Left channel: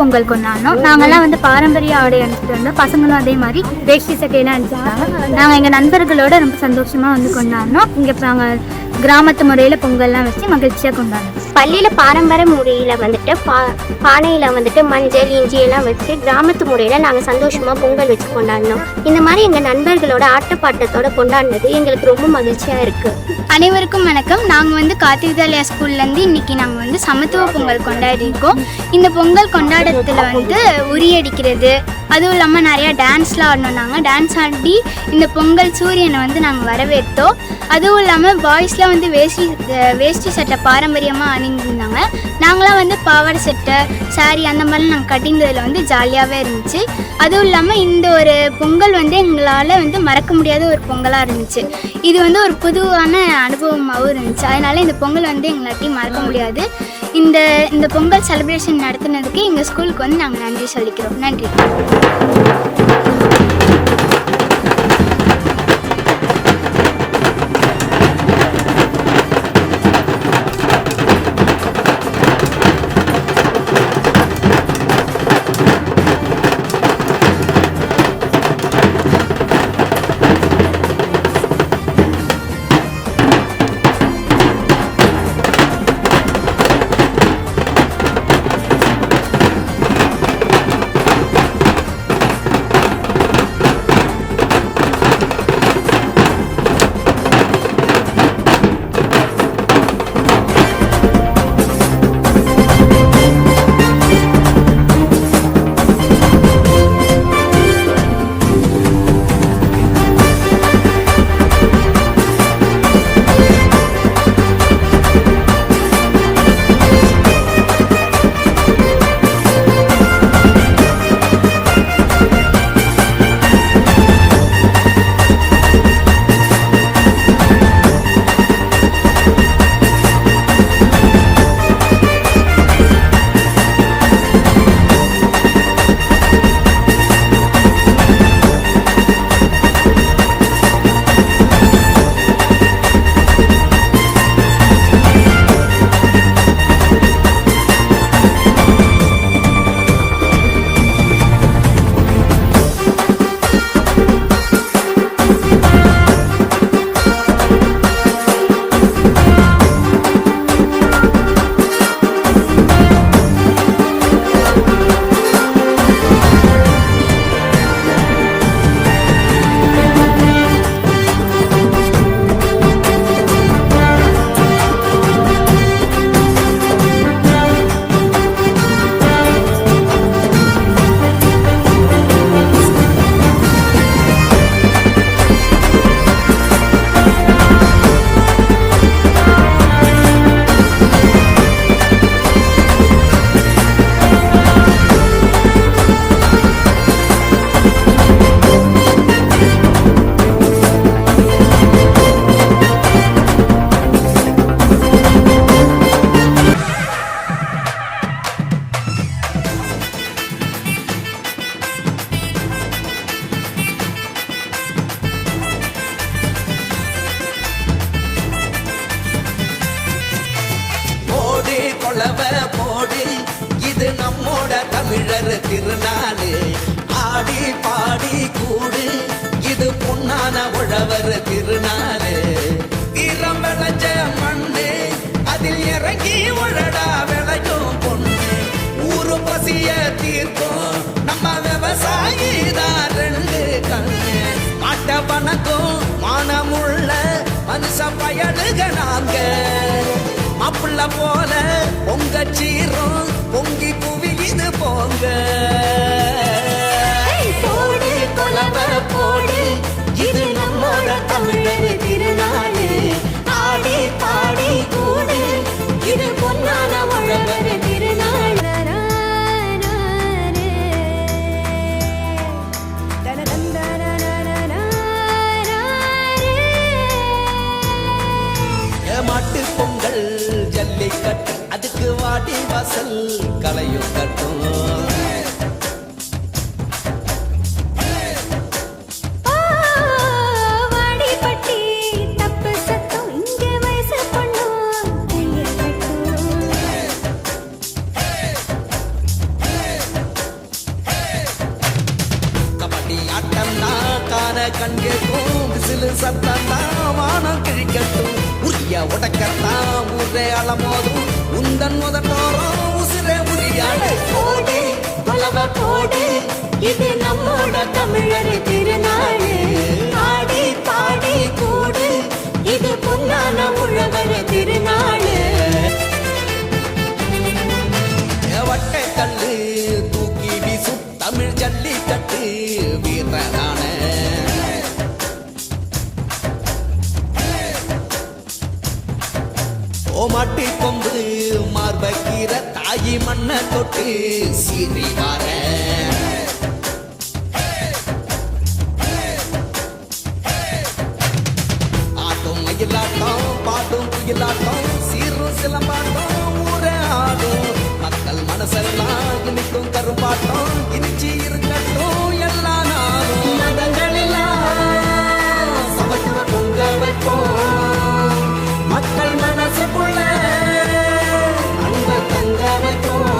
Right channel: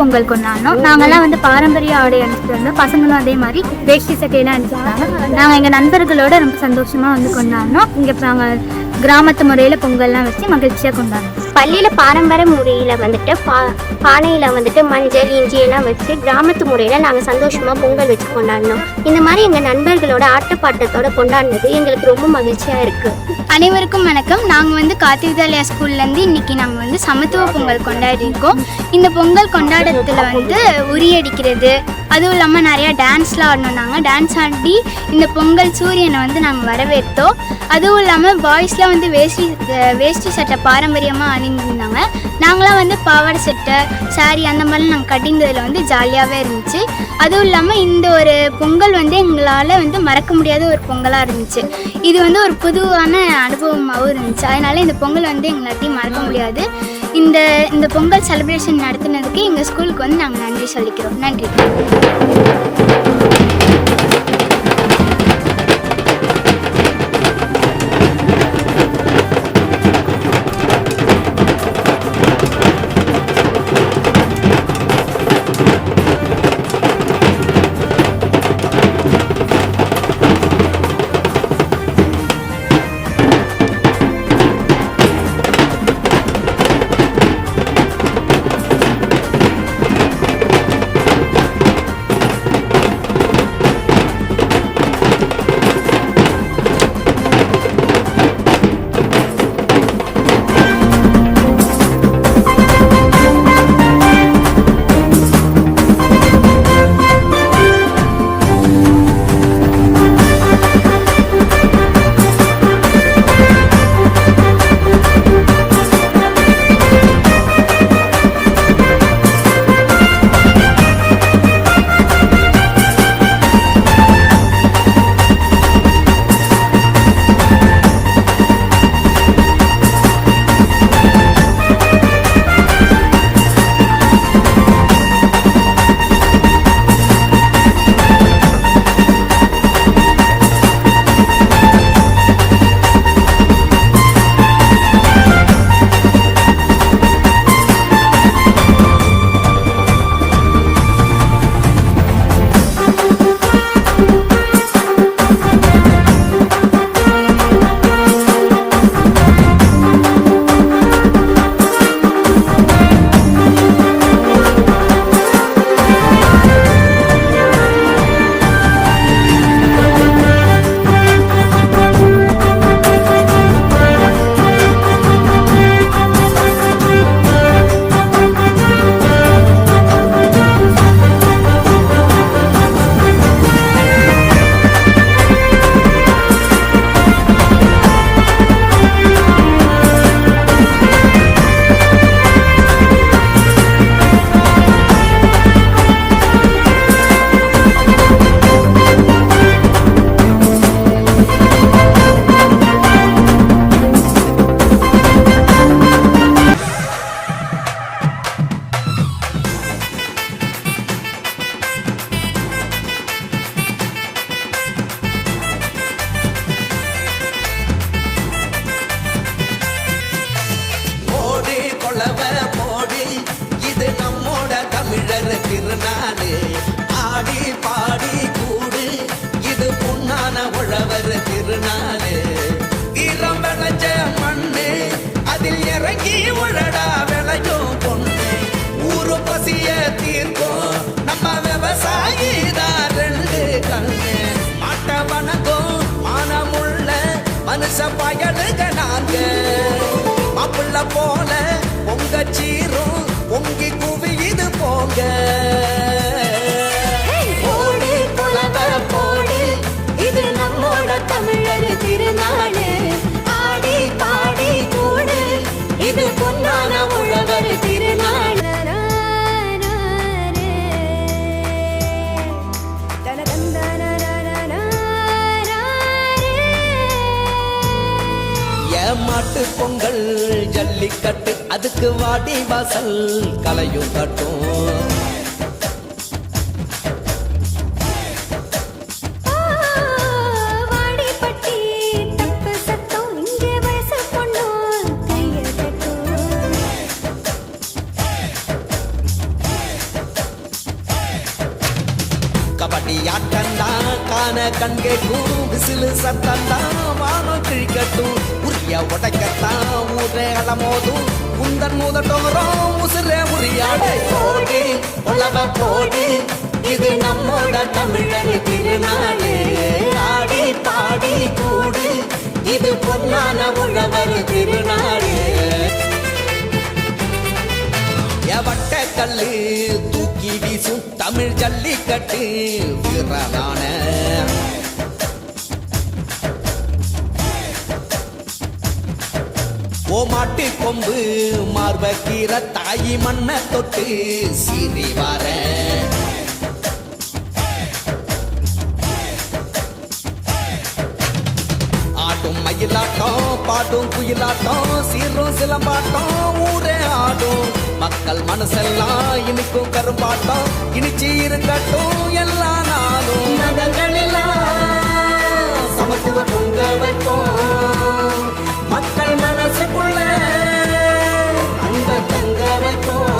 பொங்கல் கொண்டாடினோம். நாங்கள்லாம் வந்து பாரம்பரிய ஆடை அணிச்சிட்டு வந்தோம். பசங்களும் அதே மாதிரி வேஷ்டி சட்டையெல்லாம் அணிச்சிட்டாங்க. நாங்கள் எங்கள் நண்பர்களோட ரொம்ப சந்தோஷமாக வந்து கொண்டாடினோம். இங்கே நாங்கள் கிராமத்து முறையில் பொங்கல்லாம் வச்சு மகிழ்ச்சியாக கொண்டாடணும். பள்ளியில் பாரம்பரிய முறையில் வந்துட்டு பானையில் வந்துட்டு மஞ்சள் இஞ்சி எல்லாம் வச்சு கிராமத்து முறையில் நாங்கள் சந்தோஷமாக பொங்கல் வச்சு கொண்டாடினோம். இந்த மாதிரி எங்கள் நண்பர்களோட ஆட்டப்பாட்டத்தோடு கொண்டாடினது எங்களுக்கு ரொம்ப மகிழ்ச்சியாக இருக்குது. அனைவருக்கும் வணக்கம். நாங்கள் வந்து கார்த்திக் வித்யாலயா ஸ்கூல்லேருந்து இன்றைக்கி நாங்கள் வந்து சமத்துவ பொங்கல் கொண்டாடிருக்கோம். இந்த பொங்கல் கொண்டாடத்தில் வந்து உரியடிக்கிறது, அதுவும் இல்லாமல் நிறையா டான்ஸ்லாம் ஆடணும். நாங்கள் டான்ஸ் ஆடி இந்த பொங்கல் சூரியனை வந்து நாங்கள் வரவேற்றோம். அதுவும் இல்லாமல் பாய்ஸ்லாம் வந்து வேஷ்டி சட்டை பாரம்பரியமாக அணிந்திருந்தாங்க. நாங்களாம் வந்து பாவாடை சட்டை சாரி அந்த மாதிரிலாம் நாங்கள் கட்டியிருந்ததில் வந்து ஜாலியாகவே இருந்துச்சு. அதுவும் இல்லாமல் இந்த ஒரு பொங்கல் வந்து எங்களால் வந்து மறக்க முடியாத ஒரு பொங்கலாக இருந்துச்சு. இது வந்து ஒரு புதுவான அனுபவமாகவும் இருந்துச்சு. அதனால் இந்த பொங்கல் வந்து எங்களாட்டையும் மறக்க முடியாது. இந்த பொங்கல் செலிப்ரேஷன் நடத்துனதுக்கு எங்கள் ஸ்கூலுக்கு வந்து நாங்கள் நன்றி சொல்லிக்கிறோம். நன்றி. கொளவ போடு, இது நம்மோட தமிழர் திருநாளு. ஆடி பாடி கூடு, இது பொன்னான உழவர் திருநாளு. ஈரம் விளைஞ்ச மண்ணு, அதில் இறங்கி உழடா விளையும் பொண்ணு. ஊரு பசிய தீர்க்கும் நம்ம விவசாயி தான் ரெண்டு கண்ணு. மாட்ட வணக்கம் மானமுள்ள மனுஷ பயலுகனாக மாப்புள்ள போல பொங்க சீரும் பொங்கி குவியுது போங்க. போடு கொலவ போடு, இது நம்மோட தமிழர் திருநாடு. ஆடி பாடி கூடு, இது பொன்னான உழவர் திருநாடு. ஏமாட்டு பொங்கல் ஜல்லிக்கட்டு, அதுக்கு வாடி வாசல் கலையும் கட்டும். கங்கேக்கும் விசிலு சத்தம் வானம் கிழிக்கட்டும் உரிய உடைக்கத்தான் ஊரே அலமோதும் உந்தன் முதட்டோரம் உசிரே முடியாது போடு உலக போடு இது நம்மோட தமிழர் திருநாடு ஆடி பாடி கூடு இது பொன்னான உழவர் திருநாடு எவட்ட கல்லு தூக்கி வீசும் தமிழ் ஜல்லிக்கட்டு வீரனான ஓமாட்டி கொம்பு மார்பக்கீர தாயி மண்ண தொட்டு சீறி வர ஆட்டும் மயிலாட்டம் பாட்டும் குயிலாட்டம் சீரும் சிலம்பாட்டம் ஊரே ஆடும் மக்கள் மனசெல்லாம் இனிக்கும் கரும்பாட்டம் இனிச்சு இருக்கட்டும் எல்லா நாளும் மதங்கள் எல்லாம் சமத்துவ பொங்க வைப்போம் மக்கள் மனசுக்குள்ள அன்ப தங்க வைப்போம்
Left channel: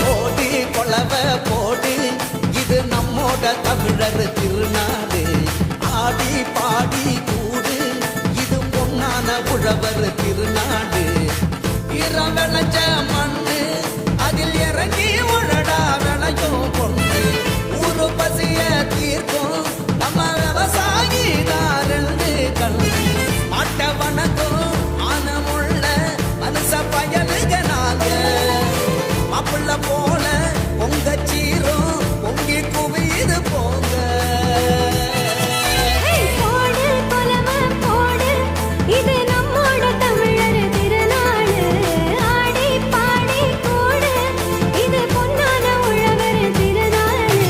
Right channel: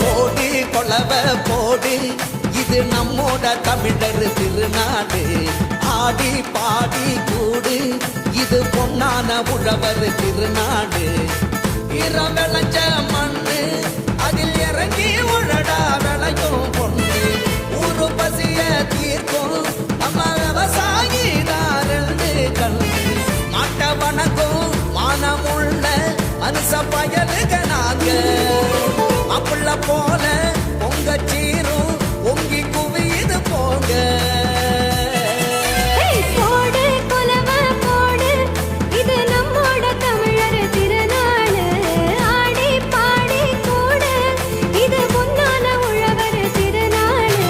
போடு கொலவ போடு இது நம்மோட தமிழர் திருநாடு ஆடி பாடி கூடு இது பொன்னான உழவர் திருநாடு இரம் விளைஞ்ச மண்ணு அதில் இறங்கி உழடா விளையும் பொண்ணு ஊரு பசிய தீர்க்கும் நம்ம விவசாயிதாரண்டு கண்ணு மாட்ட வணக்கம் மானமுள்ள மனுஷ பயலுக்கு நாங்க அப்புள்ள போல உங்க சீரும் உங்கி குவியுது போக போடு கொலவ போடு இது நம்மோட தமிழர் திருநாடு ஆடி பாடி கூடு இது பொன்னான உழவர் திருநாடு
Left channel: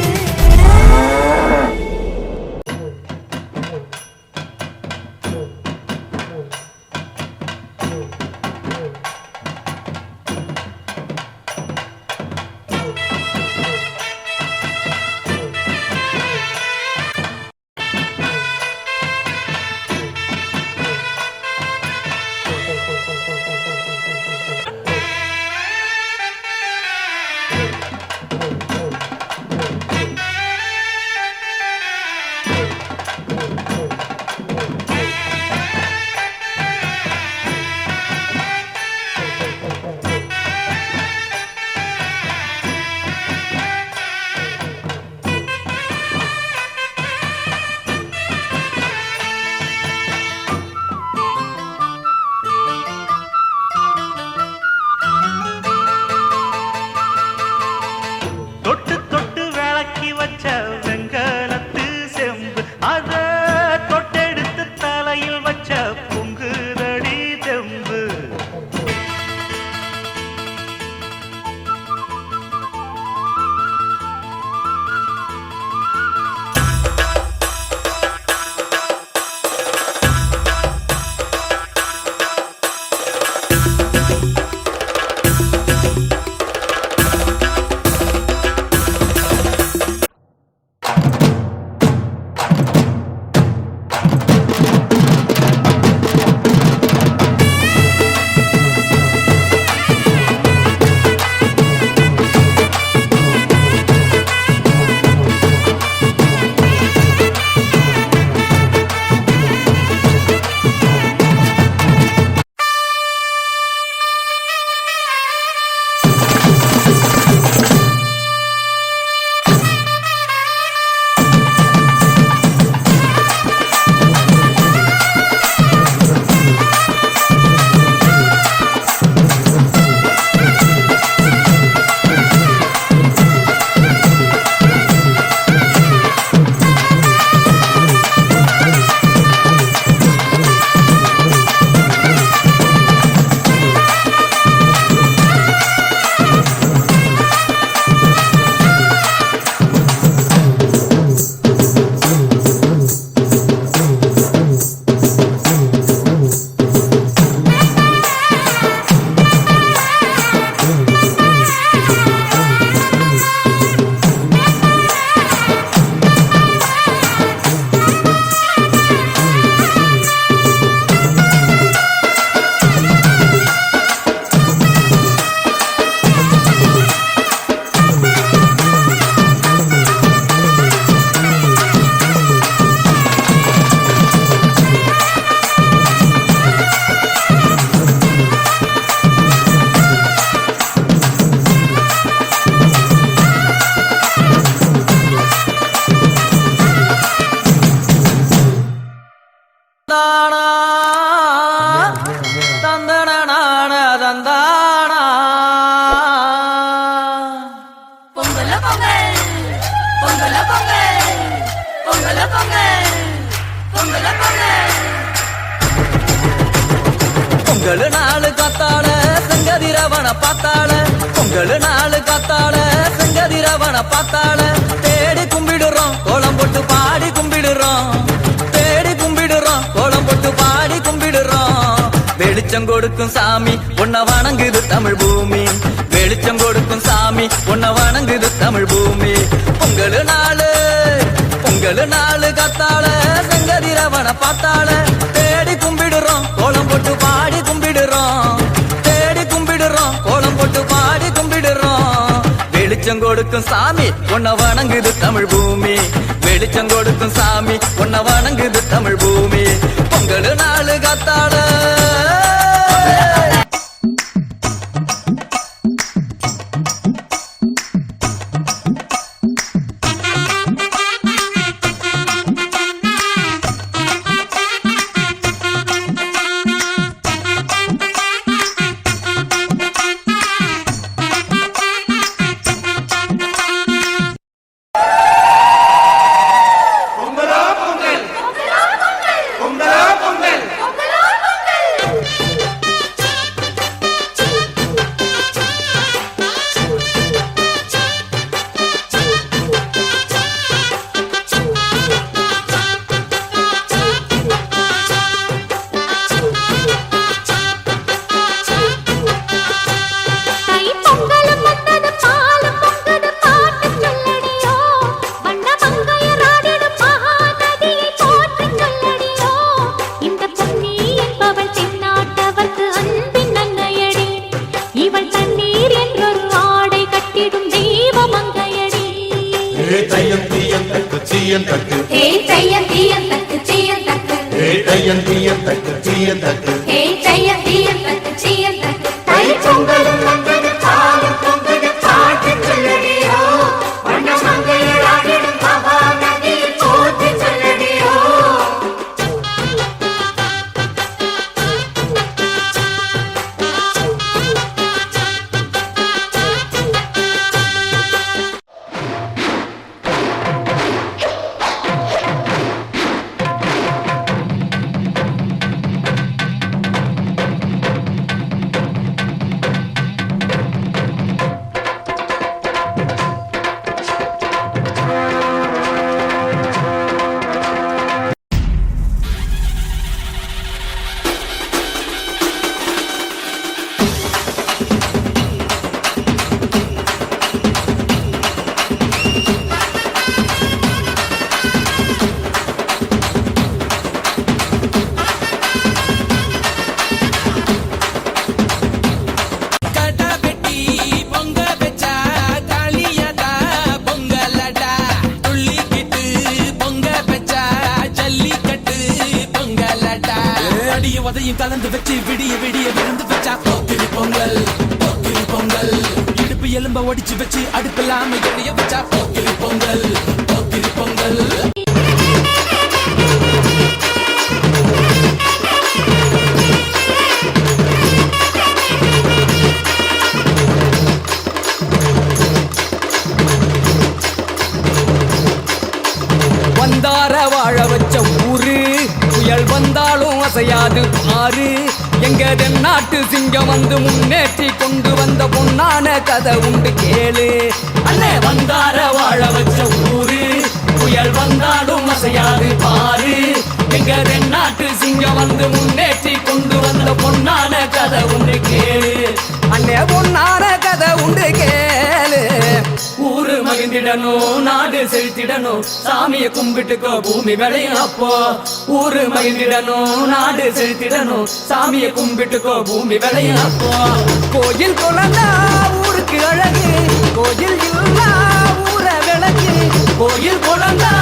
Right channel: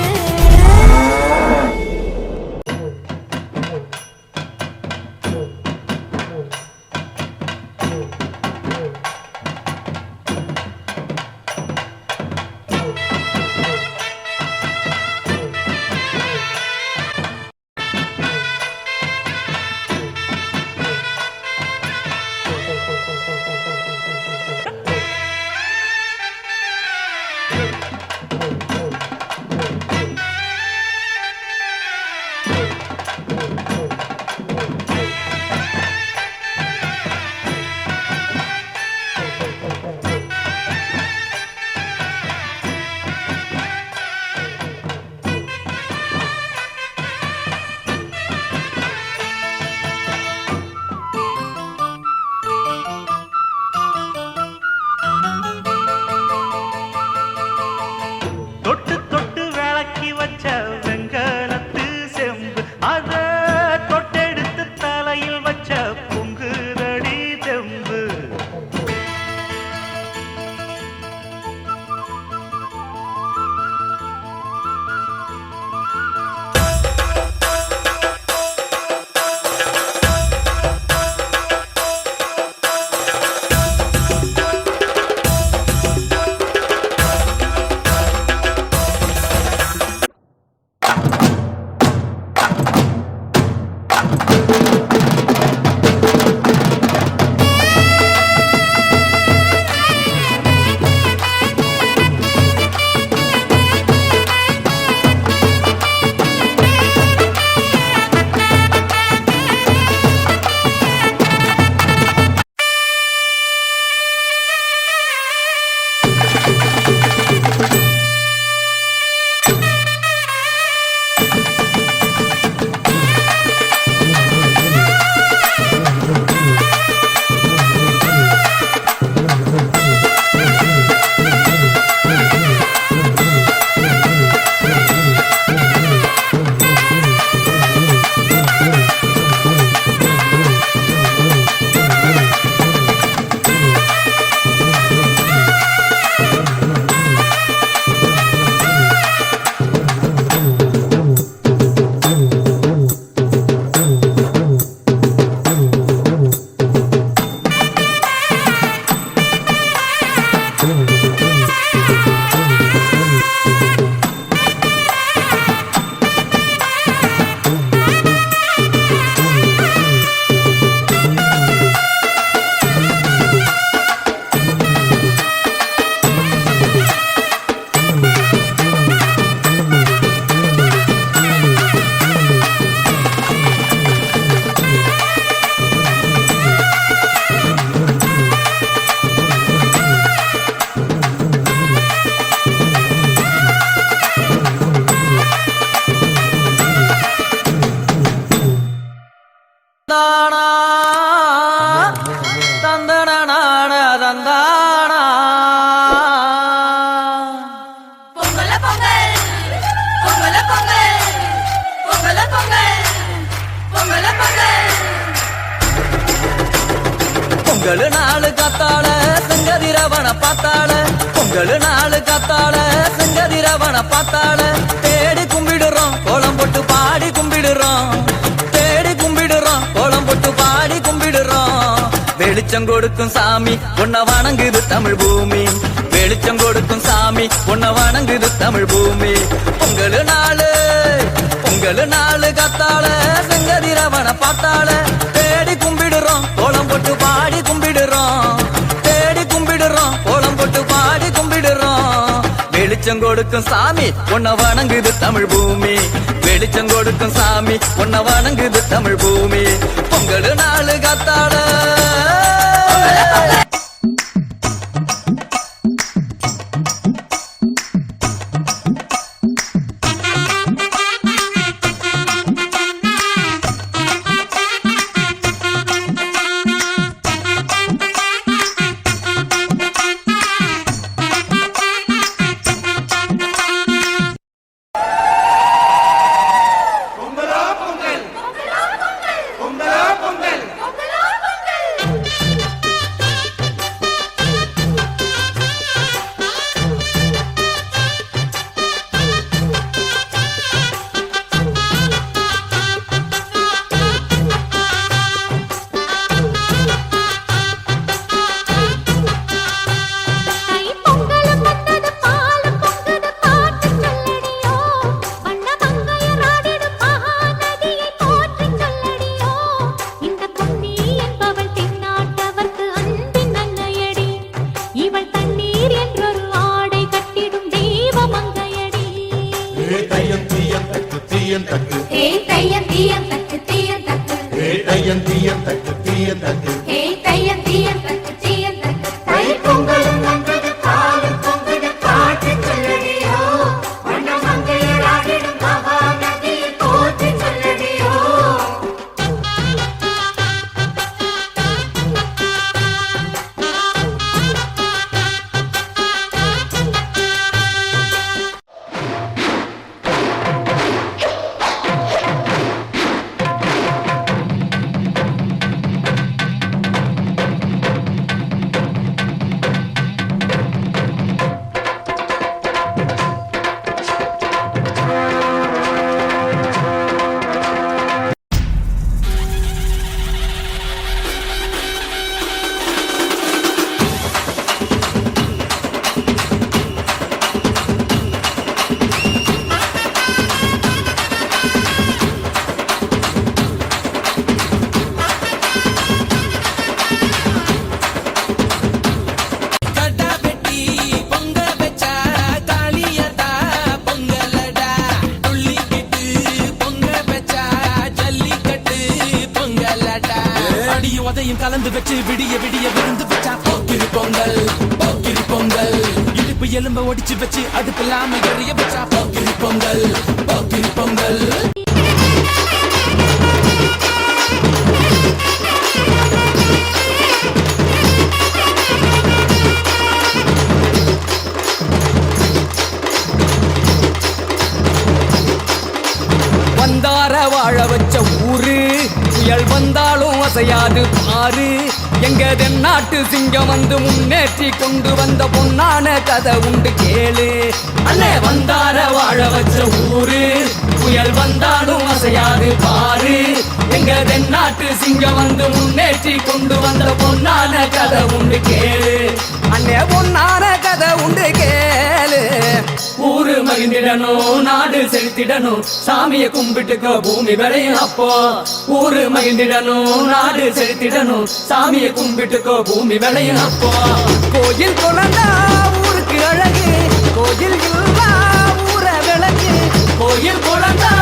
தந்தானா பொங்கல பொங்கல் பொங்கல பொங்கல் பொங்கல பொங்கல் பொங்கல பொங்கல் பொங்கல் நாளு காத்தாள செங்கதிரவன பார்த்தாள பொங்கல் நாளு காத்தாள செங்கதிரவன பார்த்தாள தேடி கும்பிடுறோம் கோலம் போட்டு பாடி கும்பிடுறோம் தேடி கும்பிடுறோம் கோலம் போட்டு பாடி கும்பிடுறோம் வெளிச்சம் கொடுக்கும் சாமி உன்னை வணங்குது தமிழ் பூமி வெளிச்சம் கொடுக்கும் சாமி உன்னை வணங்குது தமிழ் பூமி பொங்கல் நாளு காத்தாள செங்கதிரவன பார்த்தாள தேடி கும்பிடுறோம் கோலம் போட்டு பாடி கும்பிடுறோம் தேடி கும்பிடுறோம் கோலம் போட்டு பாடி கும்பிடுறோம் வெளிச்சம் கொடுக்கும் சாமி உன்னை வணங்குது தமிழ் பூமி வெளிச்சம் கொடுக்கும் சாமி உன்னை வணங்குது தமிழ் பூமி பொங்கல் நாளு காத்தாள உதையும் கலந்து வச்சு விடிய விடிய விருந்து வச்சா போக்கிரி பொங்கல் போக்கிரி பொங்கல் இடுப்பு எலும்ப ஒடிச்சு வச்சு அடுப்பில்லாம எரிய வச்சா போக்கிரி பொங்கல் போக்கிரி பொங்கல் வந்தார வாழ வச்ச ஊரு புயல் வந்தாலும் அசையாது பாரு எங்க தென்னாட்டு சிங்கம் வந்து முன்னேற்றி கொண்டு வந்த பொன்னான கதை உண்டு கேளு அண்ணே வந்தார வாழ வச்ச ஊரு புயல் வந்தாலும் அசையாது பாரு எங்க தென்னாட்டு சிங்கம் வந்து முன்னேற்றி கொண்டு வந்த பொன்னான கதை உண்டு கேளு அண்ணே பொன்னான கதை உண்டு கேளு ஊரு மகிழ்ந்திடணும் நாடு செலுத்திடணும் சாமியை கும்பிட்டுக்கோ பூமி விளையும் அப்போ ஊரு மகிழ்ந்திடணும் நாடு செலுத்திடணும் சாமியை கும்பிட்டுக்கோ பூமி விளையும் அப்போ கோயில் குழந்தா ஊருக்கு அழகு கோயில் இல்லா ஊர விளக்கு கோயில் குழந்தா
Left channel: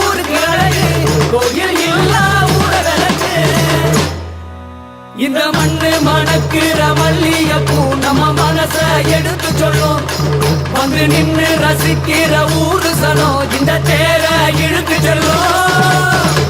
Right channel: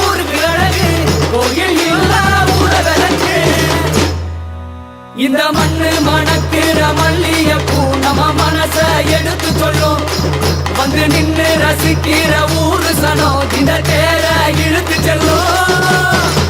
ஊருக்கு அழகு கோயில் இல்லா ஊர விளக்கு இந்த மண்ணு மணக்குற மல்லியப்பூ நம்ம மனச எடுத்து சொல்லும் வந்து நின்று ரசிக்கிற ஊரு சனம் இந்த தேர இழுத்து செல்லும்